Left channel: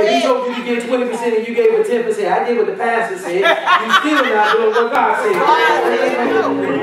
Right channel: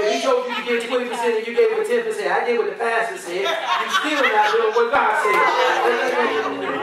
If he told you to give 20% and you gave it 10%, I did what the pastor said. You still not doing what God said.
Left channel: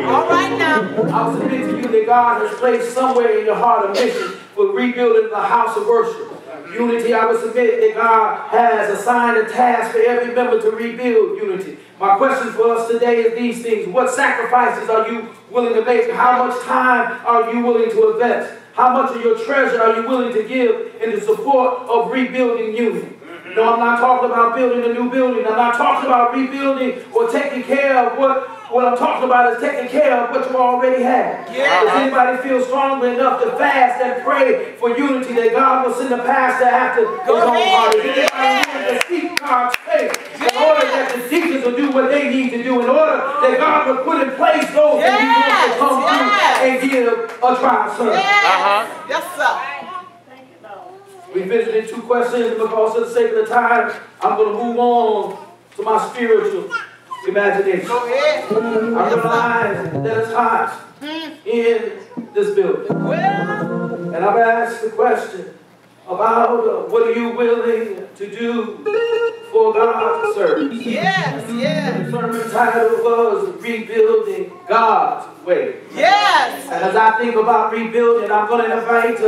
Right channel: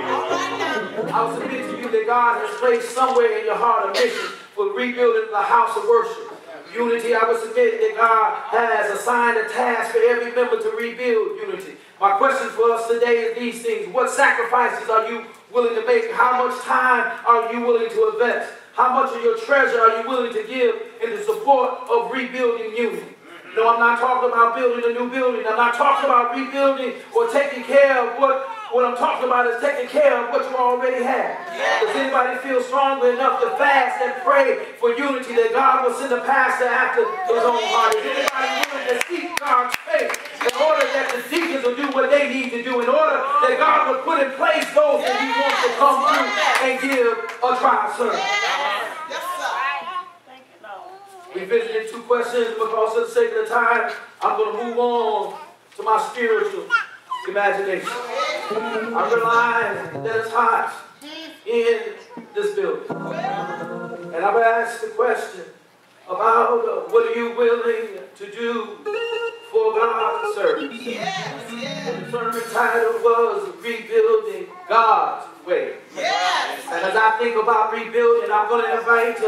All right now. I will submit to you that God has placed somewhere in your heart a mission for rebuilding the house of worship. Unity, I will submit that God has assigned a task for every member to rebuild unity. My question for us today is these things. What sacrifices are you willing to make? How much time are you willing to invest? How much of your treasure are you willing to give in the support of rebuilding unity? No, I'm not talking about building a new building. I'm not talking about rebuilding or taking care of what I'm talking about is taking care of what you already have. Yeah. Does anybody feel strongly enough to fast and pray for unity that God will send a pastor after his own heart? Is anybody willing to seek God's face in order that the deacons will do what they need to do, in order that God will put in place those that he wants to come through and give a trial service? Yes, sir. We visited 2 questions, and because of the sake of the time, I'm going to move on to my spiritual imagination. I realize that it's hot in this building. And I've asked the question about what are you willing to do for God's service? Yes, yes. The sermon title was Rebuilding God's Way. Yes. And as I think about rebuilding, I'm going to invite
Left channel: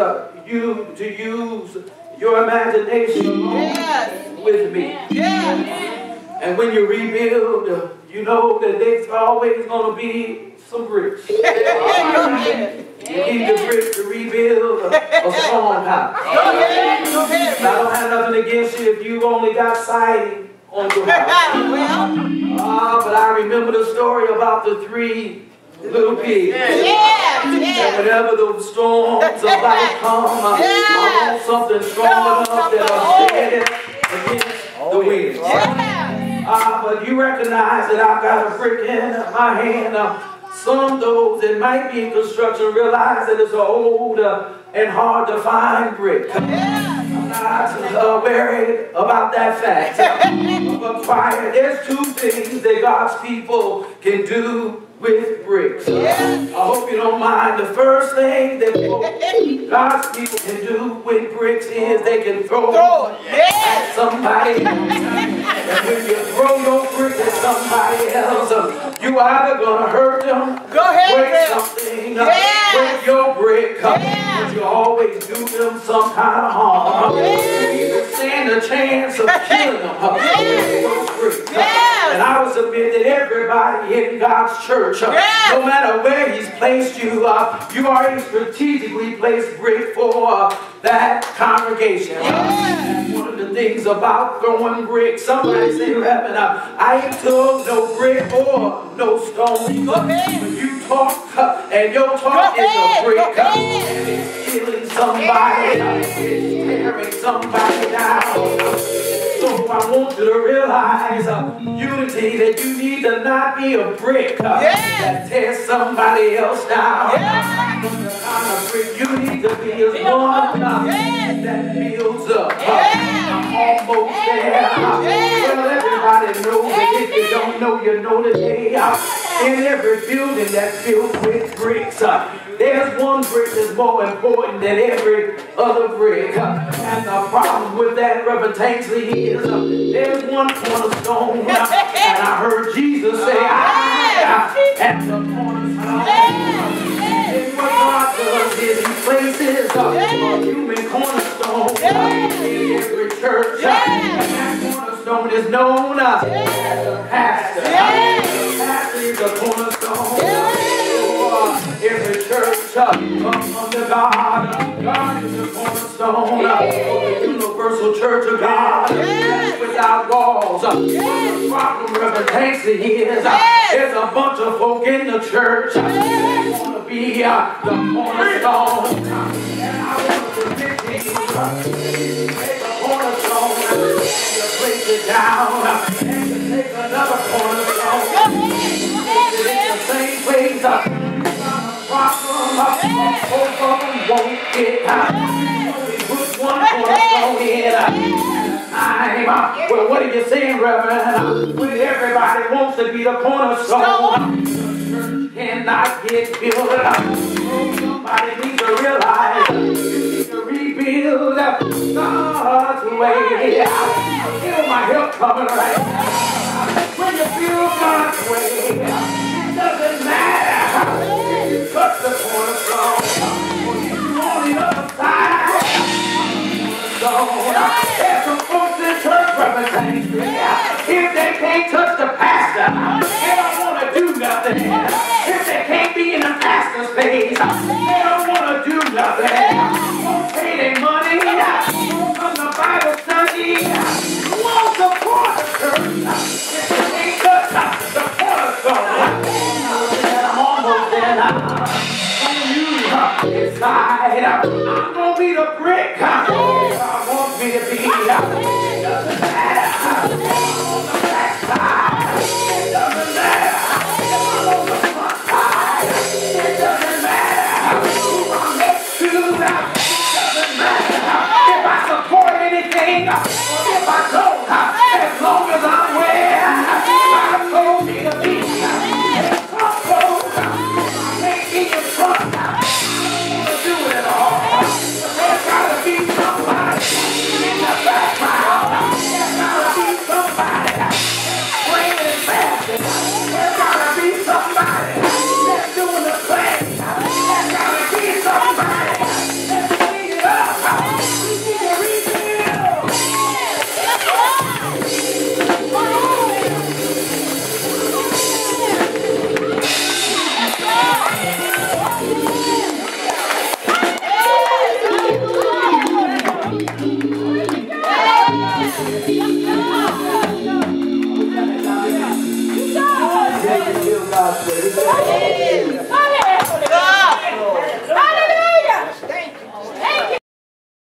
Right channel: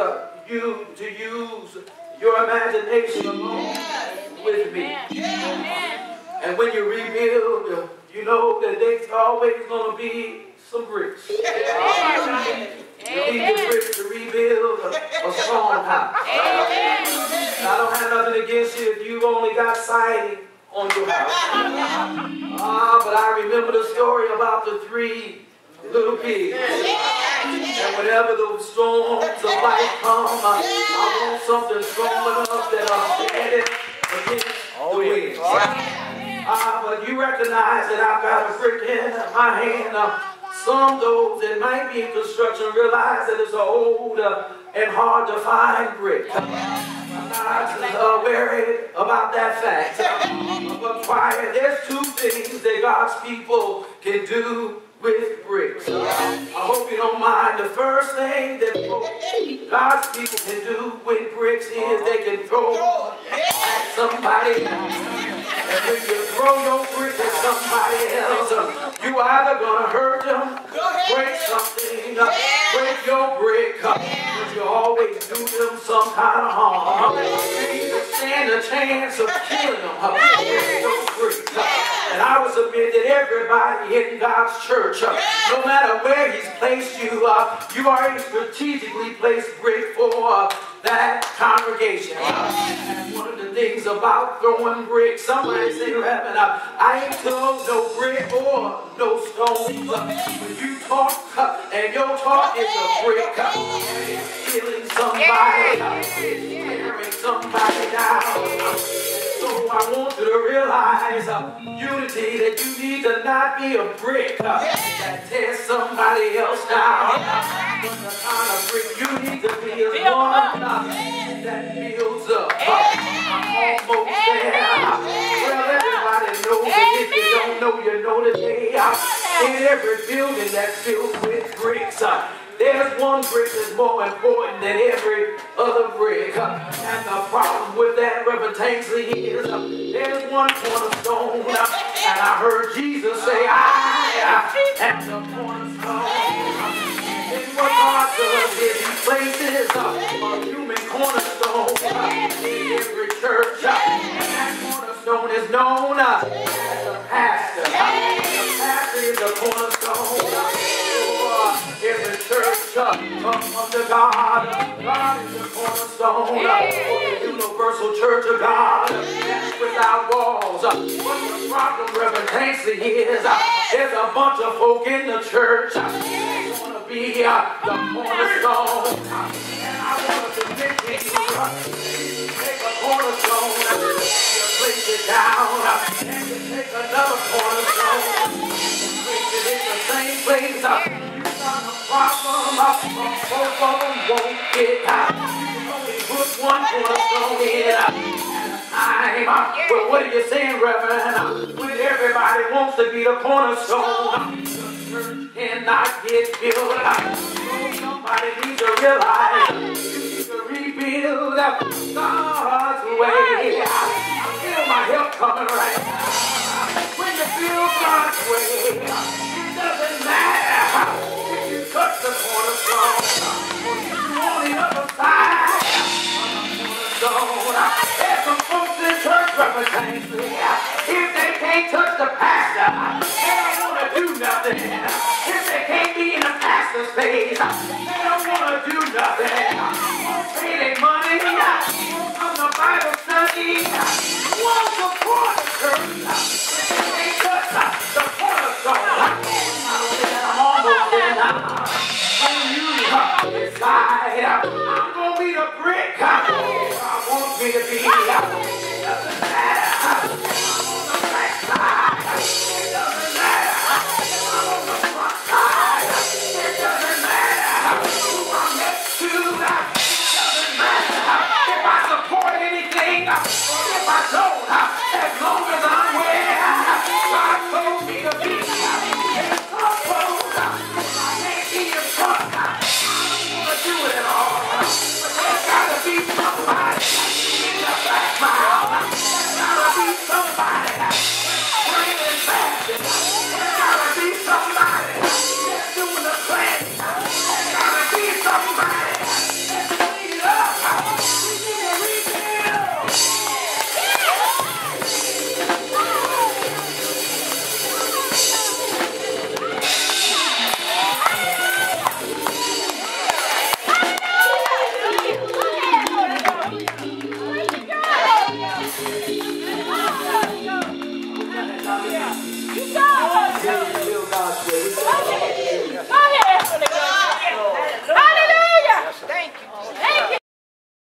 you to use your imagination along with me. And when you rebuild, you know that there's always going to be some bricks. You need the bricks to rebuild a strong house. I don't have nothing against you if you only got siding on your house. But I remember the story about the 3 little pigs. And whenever the storms of life come, I want something strong enough that'll stand against the wind. But you recognize that I've got a brick in my hand. Some of those that might be in construction realize that it's an old and hard to find brick. I'm not worried about that fact. But there's 2 things that God's people can do with bricks. I hope you don't mind. The first thing that God's people can do with bricks is they can throw at somebody else. And when you throw your brick at somebody else, you either gonna hurt them, break something, break your brick, but you always do them some kind of harm. You either stand a chance of killing them with your brick. And I would submit that everybody in God's church, no matter where he's placed you, you already strategically placed brick for that congregation. One of the things about throwing bricks, somebody say, Reverend, I ain't told no brick or no stone. But you talk, and your talk is a brick. And it's killing somebody, it's tearing somebody down. So I want you to realize, unity, that you need to not be a brick that tears somebody else down. The kind of brick you need to be is one that builds up. I'm almost there. Well, everybody knows that if you don't know, you know today. In every building that's filled with bricks, there's one brick that's more important than every other brick. And the problem with that, Reverend Tanksley, is there's one cornerstone. And I heard Jesus say, I am the cornerstone. And what God does is he places a human cornerstone in every church. And that cornerstone is known as the pastor. The pastor is the cornerstone. Every church come under God. God is the cornerstone of the universal church of God. That's without walls. What the problem, Reverend Tanksley, is there's a bunch of folk in the church that want to be the cornerstone. And I want to take a cornerstone and place it down, and to take another cornerstone, place it in the same place. Problem, both of them won't get out. We put one cornerstone in at a time. Well, what are you saying, Reverend? When everybody wants to be the cornerstone, the church cannot get built. Somebody needs to realize you need to rebuild rebuild God's way. I feel my help coming right now. When you build God's way, it doesn't matter if you touch the cornerstone or you on the other side. There's some folks in church representing me. If they can't touch the pastor, they don't want to do nothing. If they can't be in the pastor's face, they don't want to do nothing. Won't pay their money, won't come to Bible study, won't support the church. If they can't touch the cornerstone, I'm almost there now. When you decide, I'm going to be the brick I want me to be. It doesn't matter. I'm on the back side. It doesn't matter. I'm on the front side. It doesn't matter who I'm next to. It doesn't matter if I support anything or if I don't. As long as I'm with